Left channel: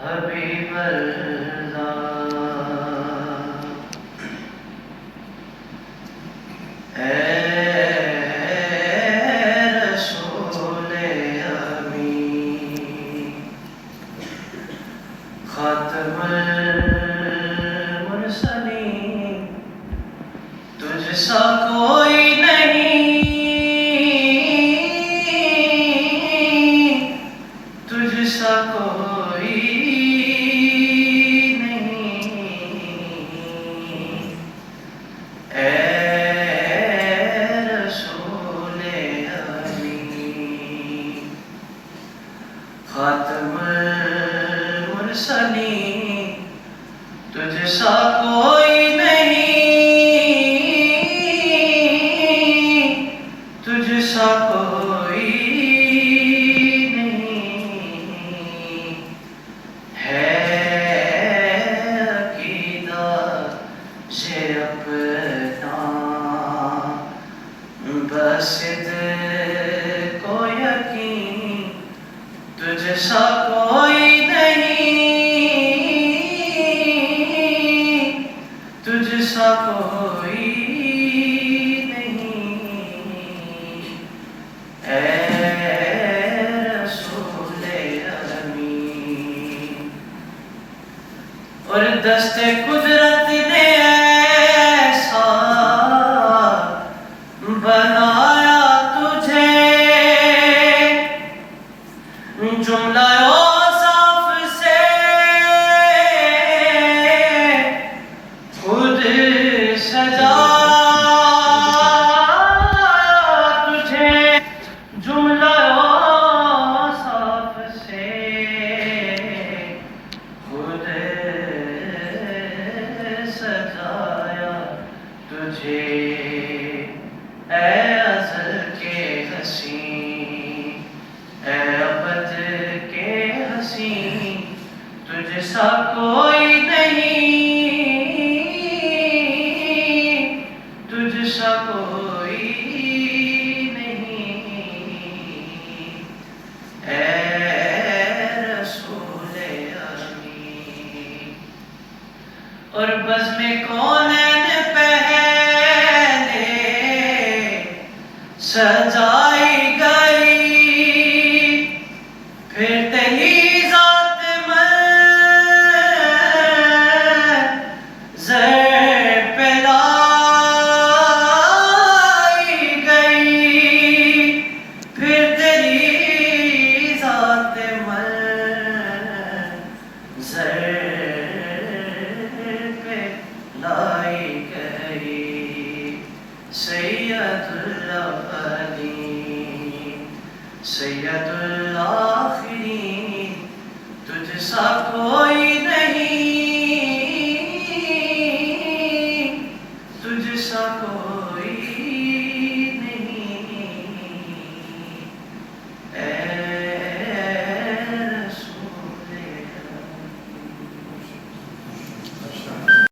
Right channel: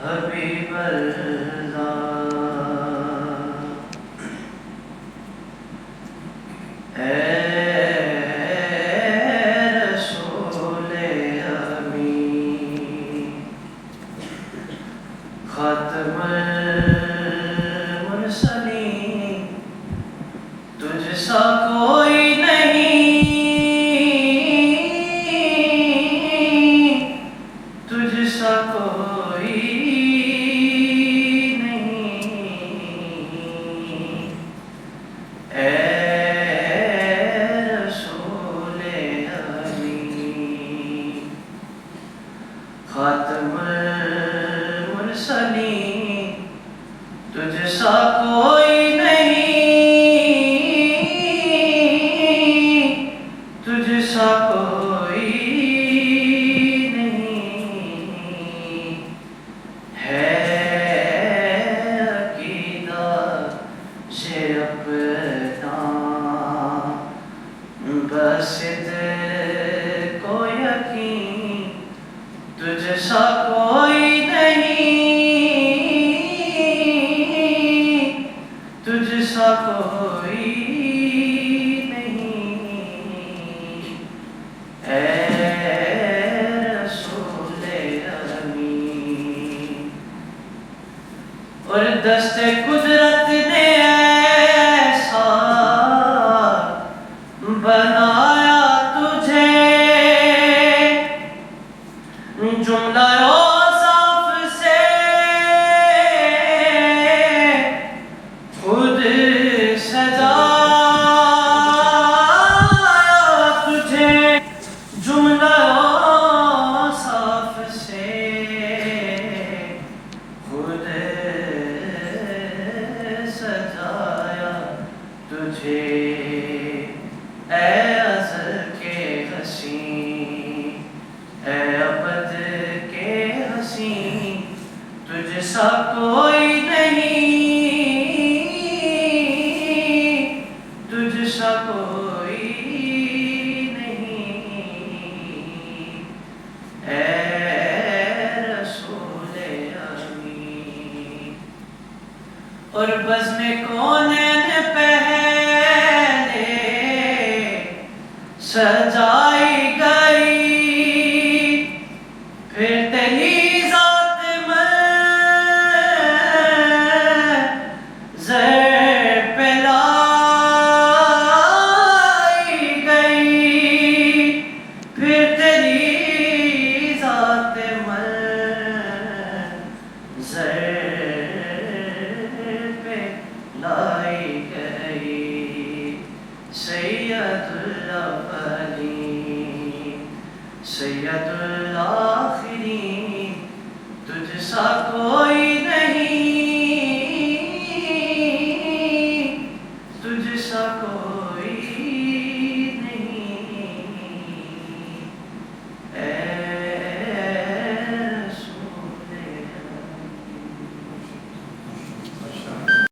حبیب اللہ اے رسول امین خاتم المرسلین تجھ سا کوئی نہیں تجھ سا کوئی نہیں اے رسول امین خاتم المرسلین تجھ سا کوئی نہیں تجھ سا کوئی نہیں ہے عقیدہ سے اپنا بس دل کو یقین تجھ سا کوئی نہیں تجھ سا کوئی نہیں اے رسول امین اور دست قدرت نے ایسا بنایا تجھے جملہ اوصاف سے خود سجایا تجھے جملہ اوصاف سے خود سجایا تجھے اے ازل کے حسین اے ابد کے حسین تجھ سا کوئی نہیں تجھ سا کوئی نہیں اے رسول امین اور بزم کونین پہلے سجائی گئی پھر تیری ذات منظر پہ لائی گئی پھر تیری ذات منظر پہ لائی گئی سید الاولین سید الآخرین تجھ سا کوئی